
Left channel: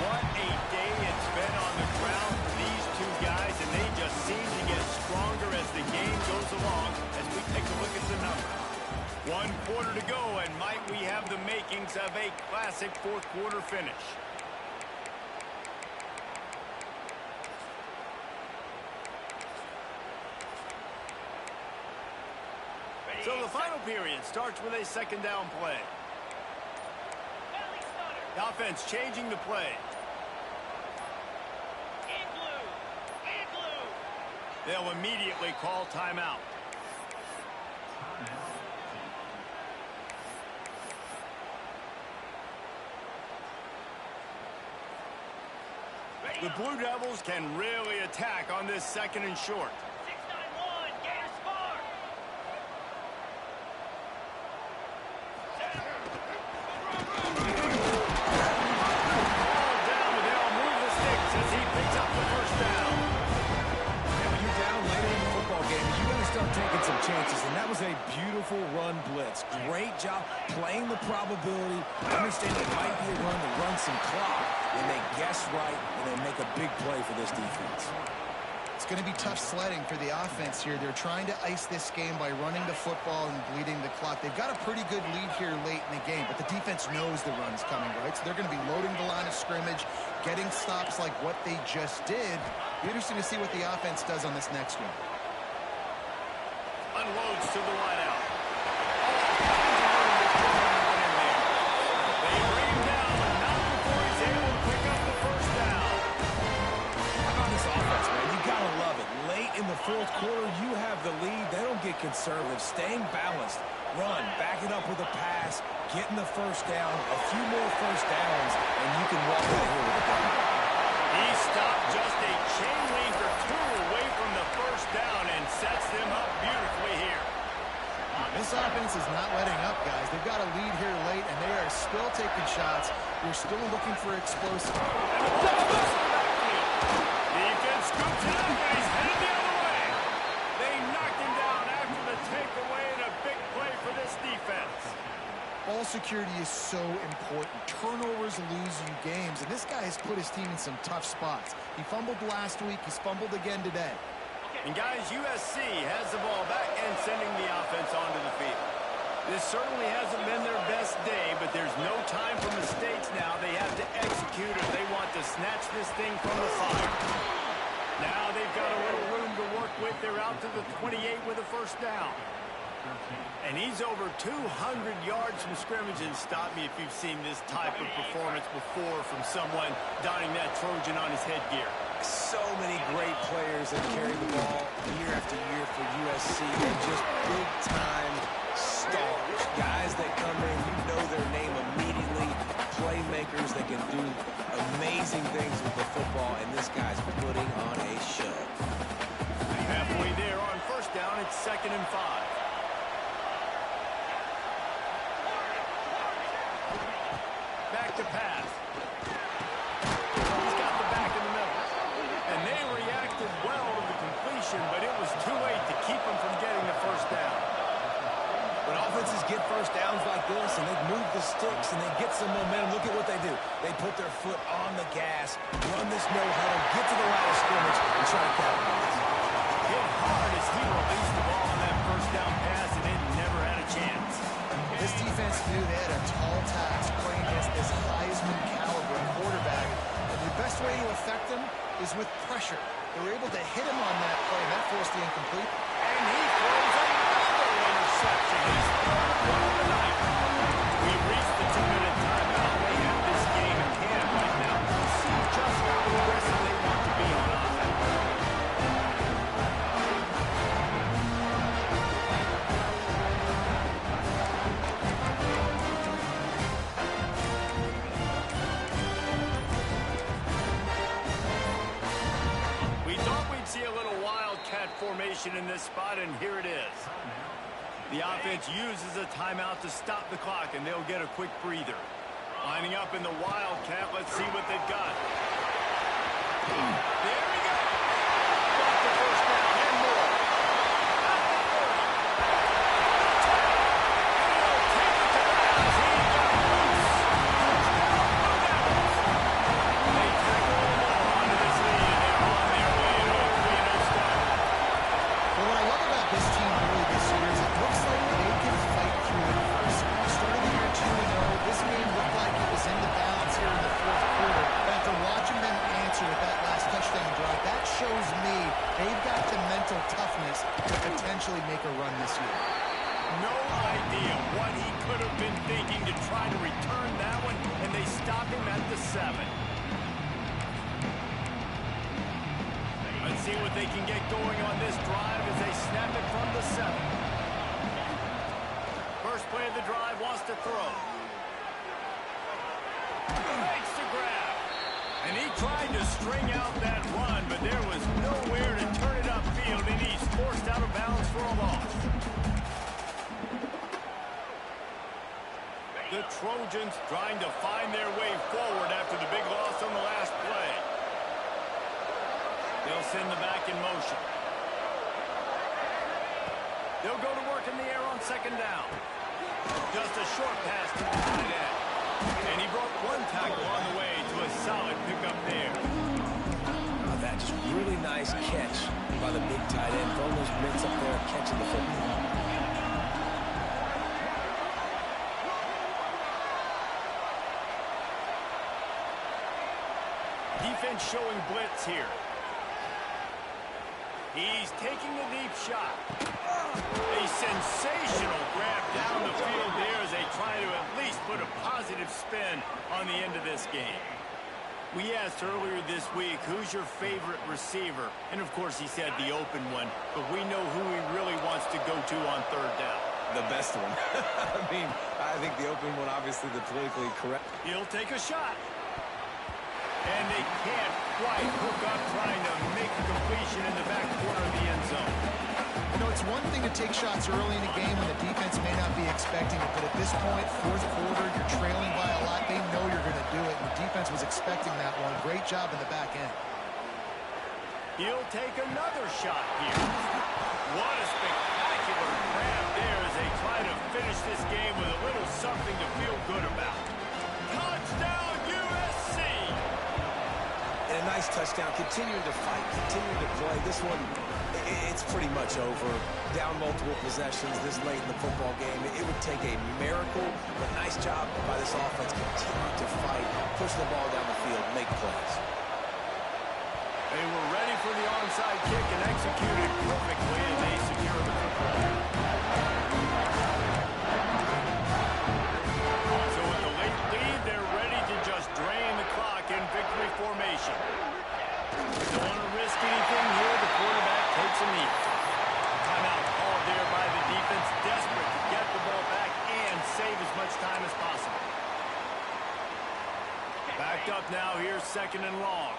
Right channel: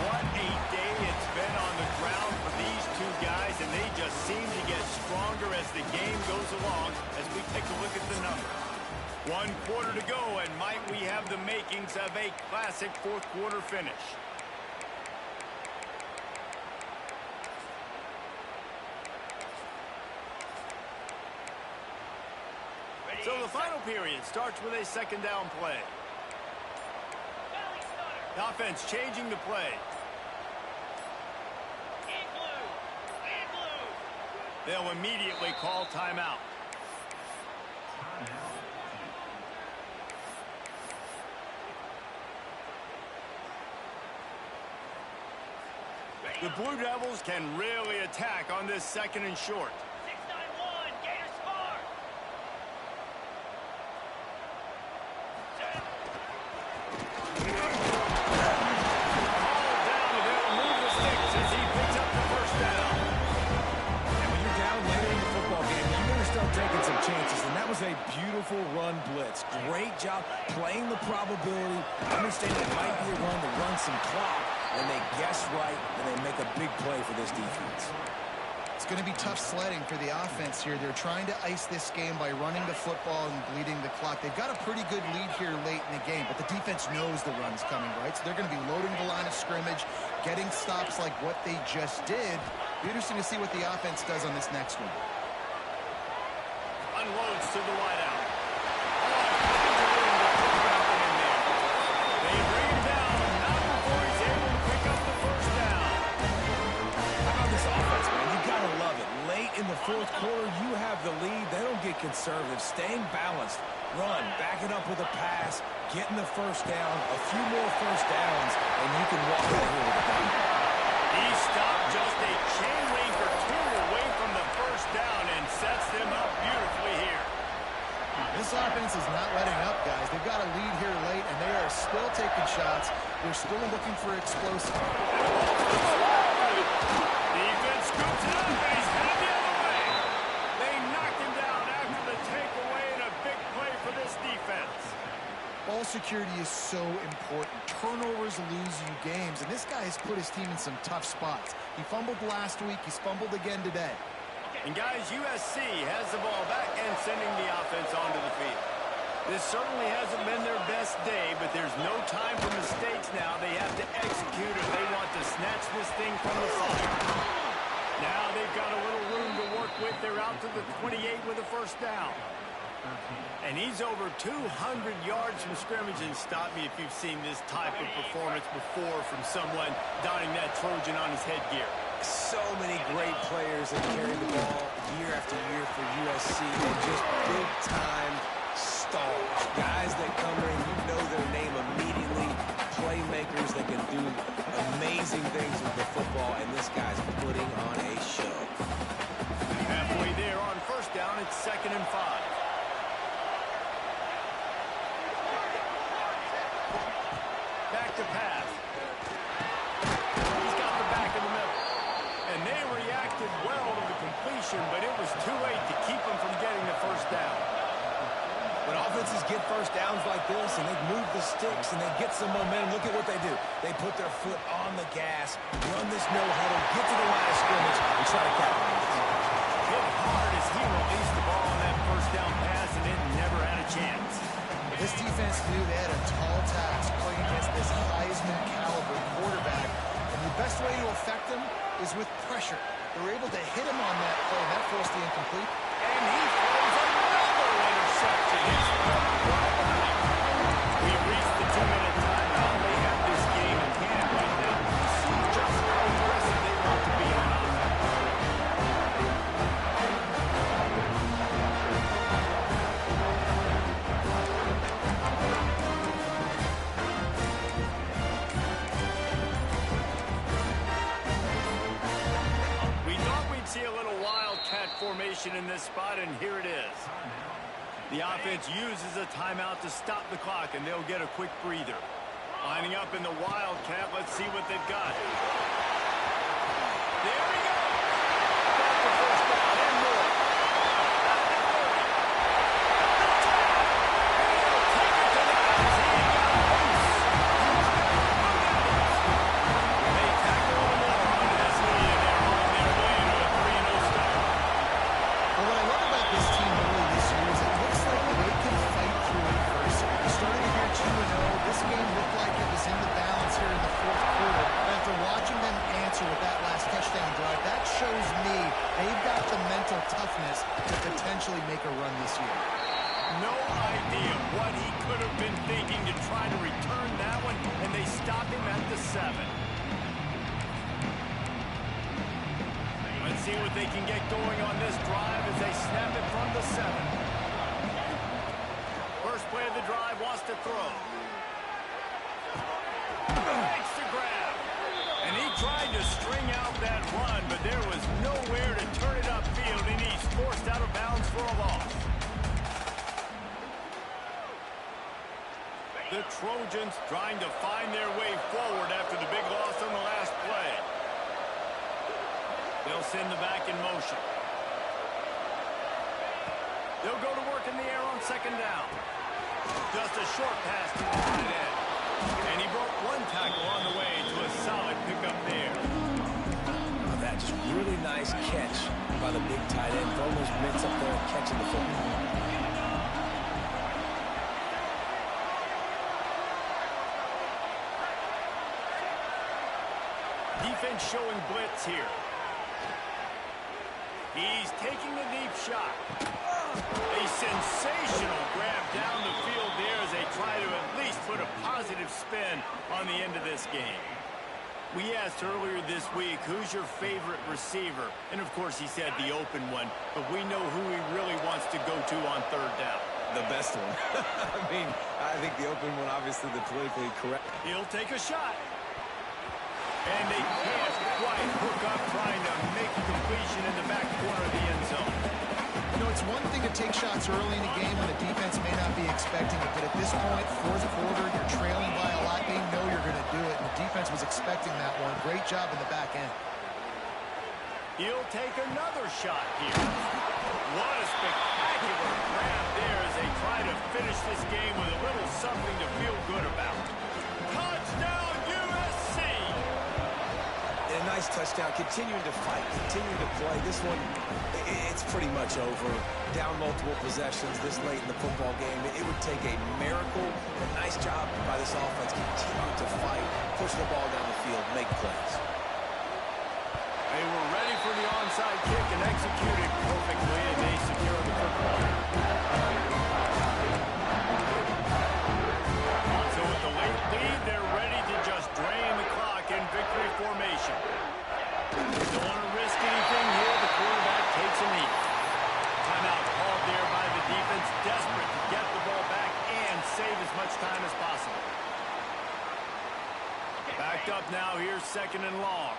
What a day it's been on the ground for these two guys, and they just seem to get stronger as the game goes along as we take a look at the numbers. 1 quarter to go, and might we have the makings of a classic fourth quarter finish. So the final period starts with a second down play. The offense changing the play. They'll immediately call timeout. The Blue Devils can really attack on this second and short. 6-9-1, Gators smart. All down, and they'll move the sticks as he picks up the first down. And when you're down later in the football game, you got to start taking some chances. And that was a beautiful run blitz. Great job playing the probability, understanding it might be a run to run some clock. And they guess right, and they make a big play for this defense. It's going to be tough sledding for the offense here. They're trying to ice this game by running the football and bleeding the clock. They've got a pretty good lead here late in the game, but the defense knows the run's coming, right? So they're going to be loading the line of scrimmage, getting stops like what they just did. Be interesting to see what the offense does on this next one. Unloads to the wideout. All kinds of room to throw that one in there. They bring him down, but not before he's able to pick up the first down. How about this offense, man? You got to love it. Late in the fourth quarter, you have the lead. They don't get conservative. Staying balanced. Run. Back it up with a pass. Getting the first down. A few more first downs, and you can walk out of here with a gun. He stopped just a chain link or two away from the first down and sets them up beautifully here. This offense is not letting up, guys. They've got a lead here late, and they are still taking shots. They're still looking for explosive. And the ball flips to the backfield. Defense scoops it up, and he's headed the other way. They knocked him down after the takeaway, and a big play for this defense. Ball security is so important. Turnovers lose you games, and this guy has put his team in some tough spots. He fumbled last week. He's fumbled again today. And guys, USC has the ball back and sending the offense onto the field. This certainly hasn't been their best day, but there's no time for mistakes now. They have to execute if they want to snatch this thing from the fire. Now they've got a little room to work with. They're out to the 28 with a first down. And he's over 200 yards from scrimmage, and stop me if you've seen this type of performance before from someone donning that Trojan on his headgear. So many great players that carry the ball year after year for USC, and just big-time stars. Guys that come in, you know their name immediately. Playmakers that can do amazing things with the football, and this guy's putting on a show. Halfway there on first down, it's 2nd and 5. Back to pass. He's got the back in the middle. And they reacted well to the completion, but it was too late to keep them from getting the first down. When offenses get first downs like this and they move the sticks and they get some momentum, look at what they do. They put their foot on the gas, run this no-huddle, get to the line of scrimmage, and try to capitalize. Hit hard as he released the ball on that first down pass, and it never had a chance. This defense knew they had a tall task playing against this Heisman caliber quarterback, and the best way to affect him is with pressure. They were able to hit him on that play, and that forced the incomplete. And he throws another interception. His third one of the night. We've reached the 2-minute timeout. They have this game in hand right now. We'll see just how aggressive they want to be on offense. We wildcat formation in this spot, and here it is. The offense uses a timeout to stop the clock, and they'll get a quick breather. Lining up in the wildcat. Let's see what they've got. There he goes. Got the first down and more. At the 30. The 10. And he'll take it to the house. He got loose. Touchdown, Blue Devils. They tackle more onto this lead, and they're on their way to a 3-0 start. Well, what I love about this team early this year is it looks like they can fight through adversity. We started the year 2-0. This game looked like it was in the balance here in the fourth quarter. But after watching them answer with that last touchdown drive, that shows me they've got the mental toughness to potentially make a run this year. No idea what he could have been thinking to try to return that one, and they stop him at the 7. Let's see what they can get going on this drive as they snap it from the 7. First play of the drive, wants to throw. Makes the grab. And he tried to string out that run, but there was nowhere to turn it upfield, and he's forced out of bounds for a loss. The Trojans trying to find their way forward after the big loss on the last play. They'll send the back in motion. They'll go to work in the air on second down. Just a short pass to the tight end. And he broke one tackle on the way to a solid pickup there. Oh, that just really nice catch by the big tight end. Throwing those mitts up there and catching the football. Defense showing blitz here. He's taking a deep shot. A sensational grab down the field there as they try to at least put a positive spin on the end of this game. We asked earlier this week, who's your favorite receiver? And, of course, he said the open one, but we know who he really wants to go to on third down. The best one. I think the open one, obviously the politically correct. He'll take a shot. And they can't quite hook up trying to make a completion in the back corner of the end zone. You know, it's one thing to take shots early in a game when the defense may not be expecting it, but at this point, fourth quarter, you're trailing by a lot. They know you're going to do it, and the defense was expecting that one. Great job in the back end. He'll take another shot here. What a spectacular grab there as they try to finish this game with a little something to feel good about. Touchdown, USC! And a nice touchdown, continuing to fight, continuing to play. This one, it's pretty much over. Down multiple possessions this late in the football game. It would take a miracle, but nice job by this offense. Continue to fight, push the ball down the field, make plays. They were ready for the onside kick and executed perfectly, and they secure the football. So with the late lead, they're ready to just drain the clock in victory formation. Don't want to risk anything here. The quarterback takes a knee. Timeout called there by the defense, desperate to get the ball back and save as much time as possible. Backed up now. Here's second and long.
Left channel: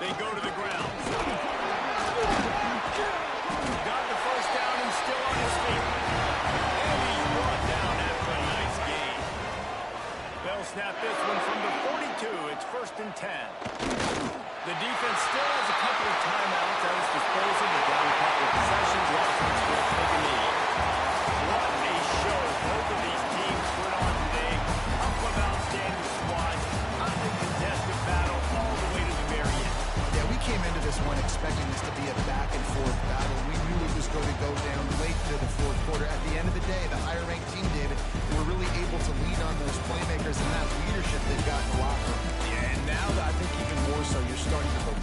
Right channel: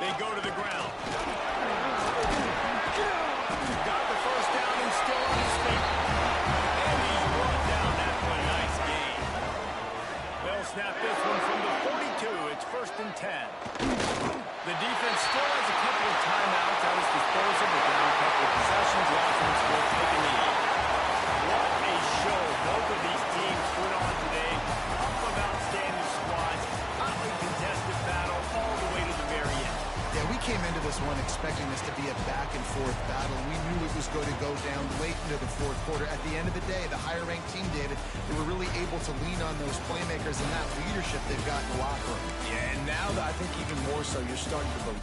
They go to the ground. Got the first down and still on his feet. And he's brought down after a nice gain. They'll snap this one from the 42. It's first and 10. The defense still has a couple of timeouts at its disposal, but down a couple of possessions, the offense will take a knee. What a show both of these teams put on today. Couple of outstanding squads, hotly contested battle all the way to the very end. Yeah, we came into this one expecting this to be a back-and-forth battle. We knew it was going to go down late into the fourth quarter. At the end of the day, the higher-ranked team, David, they were really able to lean on those playmakers and that leadership they've got in the locker room. Yeah, and now I think even more so, you're starting to believe.